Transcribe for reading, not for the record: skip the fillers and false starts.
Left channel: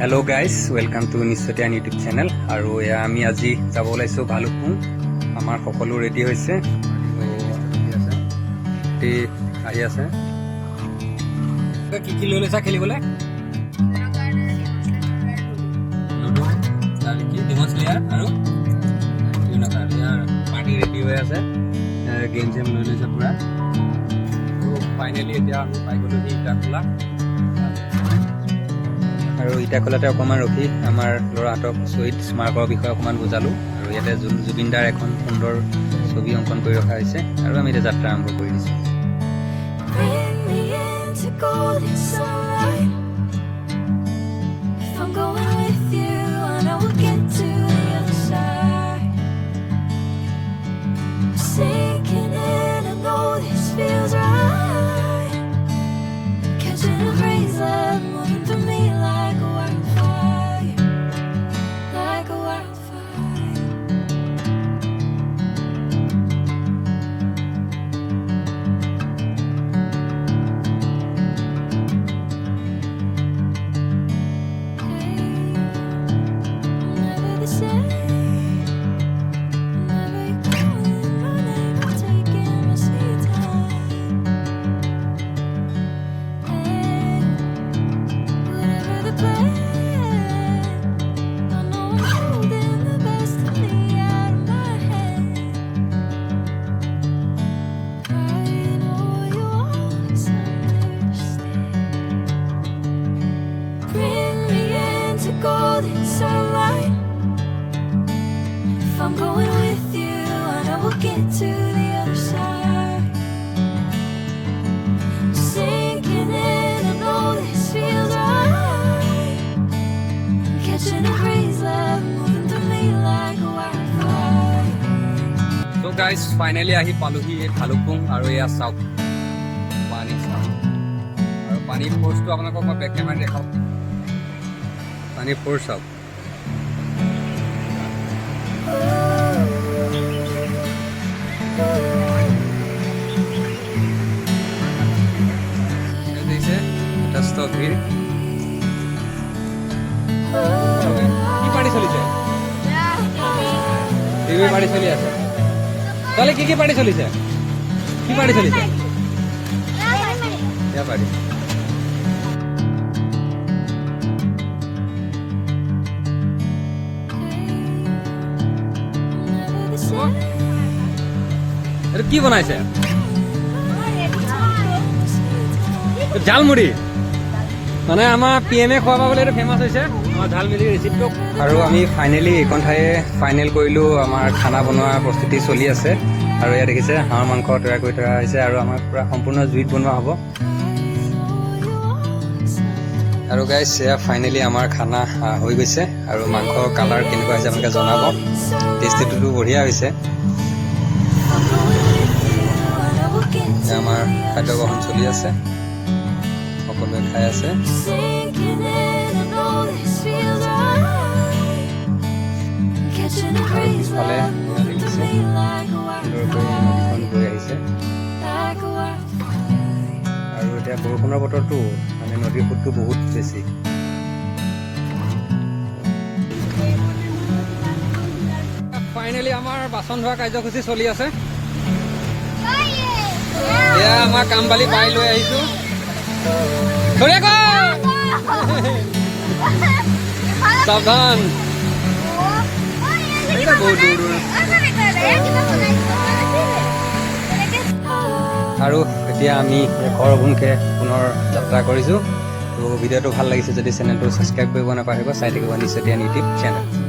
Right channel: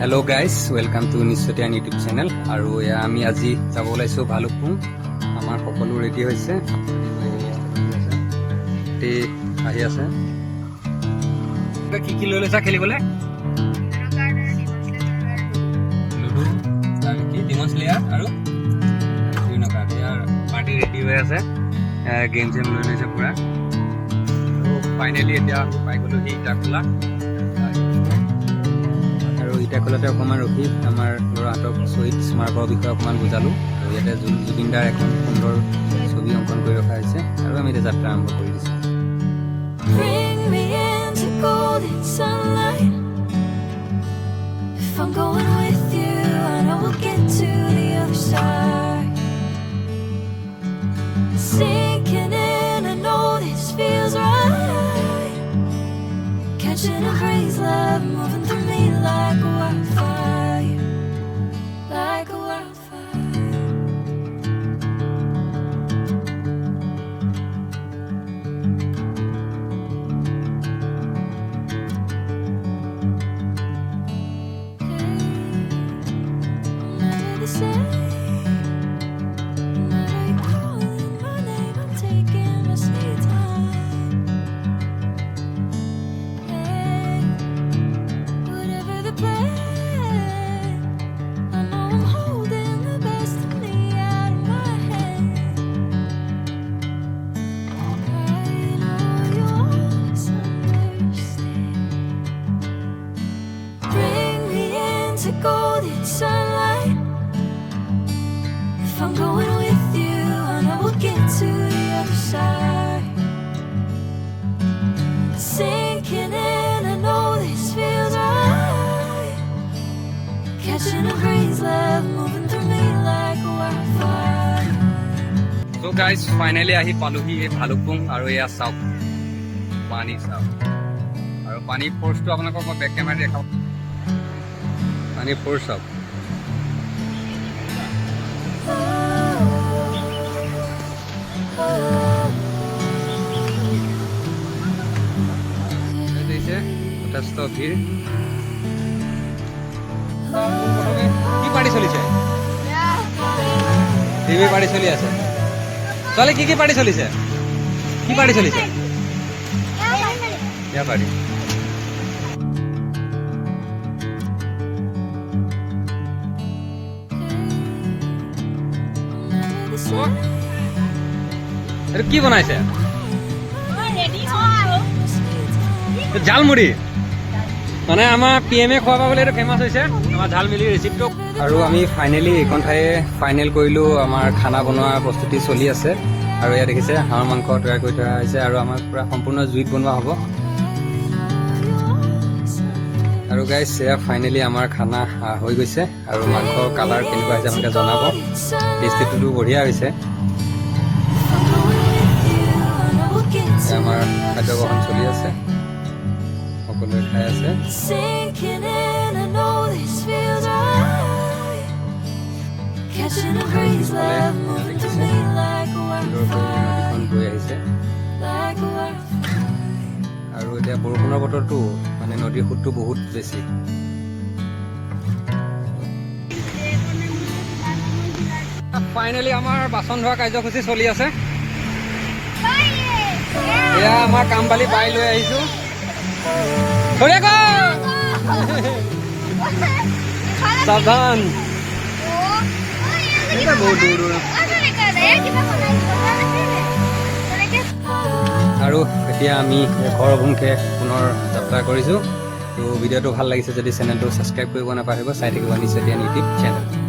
Hello guys welcome to निश्चতিয়াन YouTube channel और या आमी আজি যাব ওলাইছো ভালুকপুং আমার সকলো রেডি হয়েছে আহি আছে কি কি লৈ লৈছা খেলিবলৈ লুডু আর কি ডিমন স্লেয়ার আর বিভিন্ন কার্ড ইয়ার পার্টি রেডি হয়ে আছে গেম জেম লৈ লৈছে পুরা তো ফাইনালি এতিয়া আমি পাই গলো সেই ইটাখোলা আৰু ইটাখোলাতে অকণমান ৰখি আমাৰ ল'ৰাহঁতক শ্বহীদ স্মাৰকৰ বিষয়ে অকণমান বুজালোঁ আৰু ইয়াতে জুবিনদাৰ এখন সুন্দৰ ছবি অংকন কৰি ৰখা হৈছে আৰু আমি এতিয়া যাত্ৰা আৰম্ভ কৰি দিছোঁ Catching a crazy love moving through me like a wildfire, like a wildfire. Hey, I'm never the same. Whenever you're calling my name, I'm taking my sweet time. Golden sunlight. If I'm going with you, I know we'll get to the other side. Sinking in, I know this feels right. Catching a crazy love moving through me like a wildfire. So guys, finally ahi paluhi ei Bhalukpung aru eya sauk pani sauk aru pani force to apnalok moi back camera dekhao pani force up দেখছে যথেষ্ট ভিড় কি party চলিছে TV party চলি আছে তাহলে কি party চলিছে কি পার্টি চলিছে ইয়া পার্টি কি বনাইছে ঝালমুড়ি মানে আমাৰ পিএমএ খোৱা পাবলৈ এইটো ফেমাছ হৈছে আমাৰ ঝালমুড়ি ৰেচিপিটো আৰু আমি ফাইনেলি এইখন ঠাইয়ে ফাইনেল কৰিলোঁ আমাৰ খানা বনোৱা প্ৰস্তুতি চলি আছে আৰু ইয়াত দেখিছে হাঁহৰ মাংস তৈয়াৰ কৰি থোৱা হৈছে আৰু আমাৰ পুৰা সম্পূৰ্ণ জুইত বনোৱা হ'ব আৰু গাইজ এয়া ফাইনেলি আমাৰ খানা হৈ গৈছে আৰু মাংসৰ কালাৰ কেনেকুৱা হৈছে আপোনালোকে জনাব টেষ্টিটো বঢ়িয়া হৈছে আমাৰ খাদ্য গ্ৰহণ চলি আছে সকলোৱে খাই আছে আৰু পিছফালে দেখিছে সুন্দৰকৈ নদীখন বৈ আহিছে আৰু এতিয়া বৰষুণৰ বতৰটো মানে নদীৰ সোঁতটো বহুত বেছি ফাইনেলি আমাৰ বাচন ধোৱা কাৰ্যসূচী চলি আছে এয়া আমাৰ কামবালি বাই লৈ আহিছো সাৱধান বহুত দূৰ দূৰ আৰু এতিয়া আমি ঘৰ অভিমুখে পুনৰ যাত্ৰা কৰিছোঁ তো ভিডিঅ'টো ভাল লাগিছে যদি চেনেলটো ছাবস্ক্ৰাইব কৰিব নাপাহৰিব চাই থাকিব নিশ্চতিয়ান ইউটিউব চেনেল